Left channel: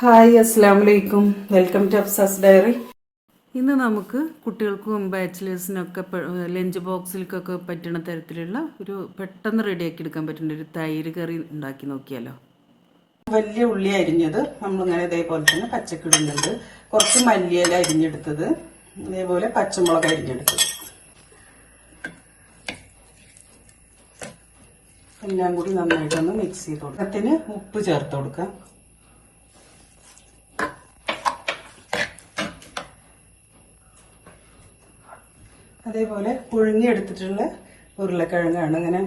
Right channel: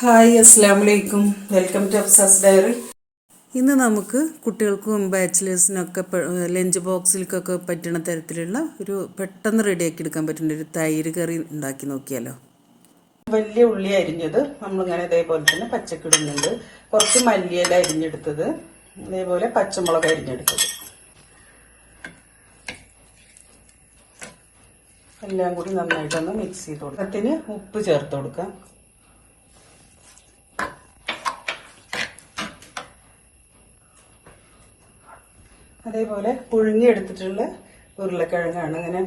Hi അസ്സാം വലൈക്കും welcome to Afsa's diary. ഇന്ന് നമുക്ക് കുട്ടികൾക്കും ബാച്ചിലേഴ്സിനൊക്കെ ലഞ്ച് ബോക്സിലേക്കൊക്കെ പറ്റുന്ന തരത്തിലുള്ള ഒരു പെട്ടെന്ന് റെഡിയാക്കി എടുക്കാൻ പറ്റുന്ന ഒരു തൈര് കറി ഉണ്ടാക്കി നോക്കിയാലോ? വലിയ ഉള്ളി അരിഞ്ഞത് നമ്മളിങ്ങനെ ഇതേപോലെ തന്നെ പച്ചക്കിടുന്നുണ്ട്. കുറച്ച് മല്ലിയില അരിഞ്ഞെടുത്തത് ഇതേപോലെ പച്ചമുളക് അരിഞ്ഞെടുത്തത്. എല്ലാം കൂടി നന്നായിട്ടൊന്ന് മിക്സ് ചെയ്ത് കൊടുക്കാം. അതിന് ഉപ്പ് ചേർത്ത് കൊടുക്കാം. അതേപോലെ പുഴുങ്ങിയെടുത്തിട്ടുള്ള ഉരുളക്കിഴങ്ങാണ്. ഇങ്ങനെ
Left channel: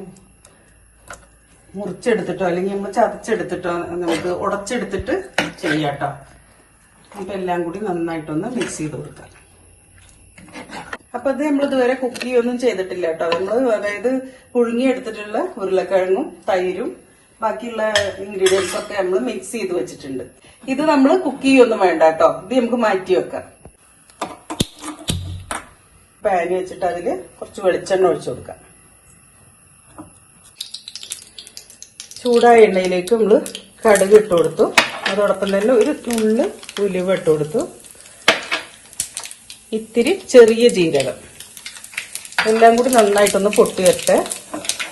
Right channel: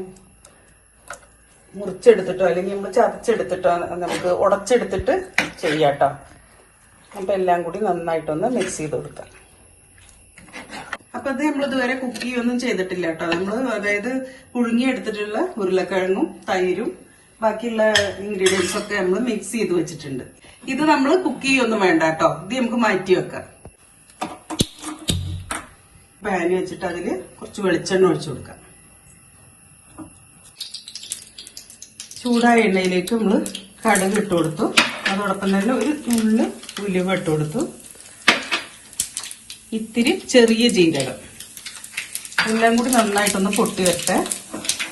മുറിച്ചെടുത്തിട്ടോ അല്ലെങ്കിൽ നമ്മൾ ചതച്ചെടുത്തിട്ടോ നമുക്ക് ഉടച്ചെടുത്തിട്ട് ചെയ്യാട്ടോ. അപ്പം എല്ലാം കൂടി നന്നായിട്ടൊന്ന് മിക്സ് ചെയ്ത് കൊടുക്കാം. അപ്പൊ അത് നമ്മൾ ഇതുവരെ കുക്ക് ചെയ്യൊന്നും ചെയ്തിട്ടില്ല കേട്ടോ. നമ്മൾ അതായത് പുഴുങ്ങിയെടുത്തിട്ടുള്ള ഉരുളക്കിഴങ്ങും തൈരും ബാക്കിയുള്ള ഇൻഗ്രീഡിയൻസ് ഒക്കെ നമ്മൾ മിക്സ് ചെയ്ത് വെച്ചിട്ടുണ്ട്. ഇത് നമ്മൾ കുക്ക് ചെയ്യൊന്നും വേണ്ട കേട്ടോ. ഇത് നമുക്ക് മാറ്റി വെക്കാം പാൻ വെച്ചിട്ട് അതിൽ കുറച്ച് വെളിച്ചെണ്ണ ഒഴിച്ചു കൊടുക്കാം ചൂടായ എണ്ണയിലേക്ക് നമ്മൾ കടുക് ഇട്ട് കൊടുത്തു. അതോടൊപ്പം തന്നെ ഒരു തുള്ളി ഉലുവ ഇട്ട് കൊടുത്തു. ഇത്തിരി ചെറിയ ജീരകം. എല്ലാം കൂടി നന്നായിട്ടൊന്ന് പൊട്ടി വരട്ടെ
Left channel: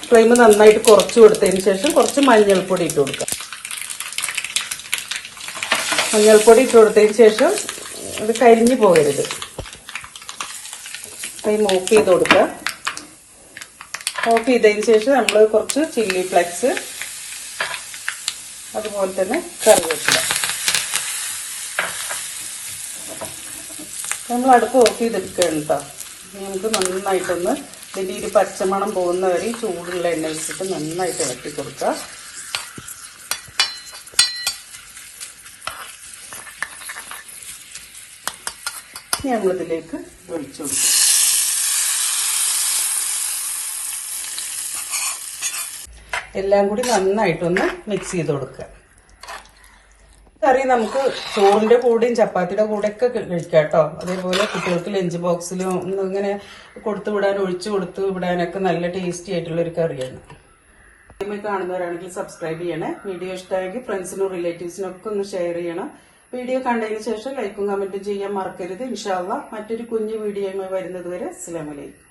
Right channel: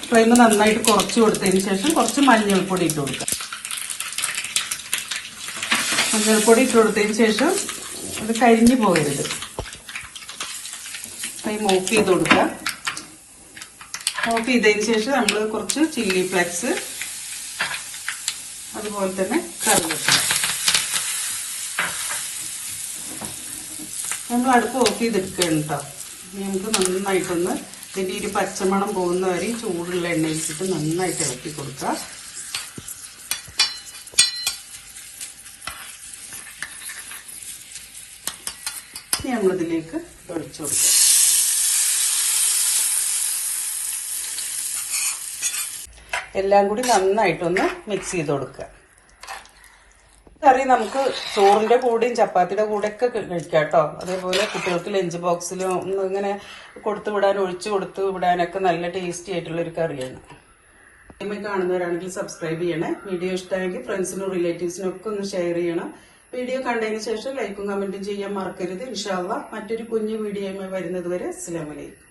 ഫ്ലെയിം നന്നായിട്ട് കുറച്ച് കൊടുത്തതിന് ശേഷം കുറച്ച് മഞ്ഞൾപ്പൊടി ഇട്ട് കൊടുക്കാം മഞ്ഞൾപ്പൊടി ഇട്ട് കൊടുത്തതിന് ശേഷം അത് കരിഞ്ഞു പോകരുത്. ഫ്ലെയിം ഓഫ് ചെയ്ത് കൊടുക്കുക ഓഫ് ചെയ്തതിന് ശേഷം നമ്മൾ കുറച്ച് ചില്ലി ഫ്ലെക്സ് അതുപോലെ തന്നെ കറിവേപ്പില. നമ്മൾ അടുപ്പ് ഓഫ് ചെയ്തെടുക്കുകയാണ് നമുക്ക് നന്നായിട്ടൊന്ന് ഇതിന്റെ ഒരു പച്ചമണം പോകുന്ന വരെ ചൂടുള്ള എണ്ണയിലിട്ടിട്ട് നന്നായിട്ട് ഇളക്കി കൊടുക്കുക ഞങ്ങളതിലേക്ക് ഒഴിച്ചു കൊടുക്കും. എല്ലാം കൂടി നന്നായിട്ടൊന്ന് മിക്സ് ചെയ്ത് കൊടുക്കുക. കറി നമുക്ക് ചോറിന്റെ കൂടെയും ചപ്പാത്തിയുടെ കൂടെയൊക്കെ കഴിക്കാം കേട്ടോ. അതേപോലെ കുട്ടികൾക്ക് ലഞ്ച് ബോക്സിലും ഒന്ന് ഇങ്ങനെ കൊടുത്തു വിടാൻ ഒഴിച്ചു കൊടുത്തു വിടാനൊക്കെ നല്ല ടേസ്റ്റി ആയിട്ടുള്ള ഒരു കറിയാണ്. കാണുന്നവരാണെങ്കിൽ സബ്സ്ക്രൈബ് ചെയ്യണേ. വീഡിയോ ഇഷ്ടമായെങ്കിൽ ഫ്രണ്ട്സിനും റിലേറ്റീവ്സിനും ഒക്കെ ഒന്ന് ഷെയർ ചെയ്യണം. വീഡിയോ കണ്ടതിന് ശേഷം ലൈക്കും കമന്റും ചെയ്യാൻ മറക്കരുത്. ഇൻഷാല്ല മറ്റൊരു കുഞ്ഞു വീഡിയോയുമായി വരുന്നത് വരെ. അസ്സലാമലൈക്കും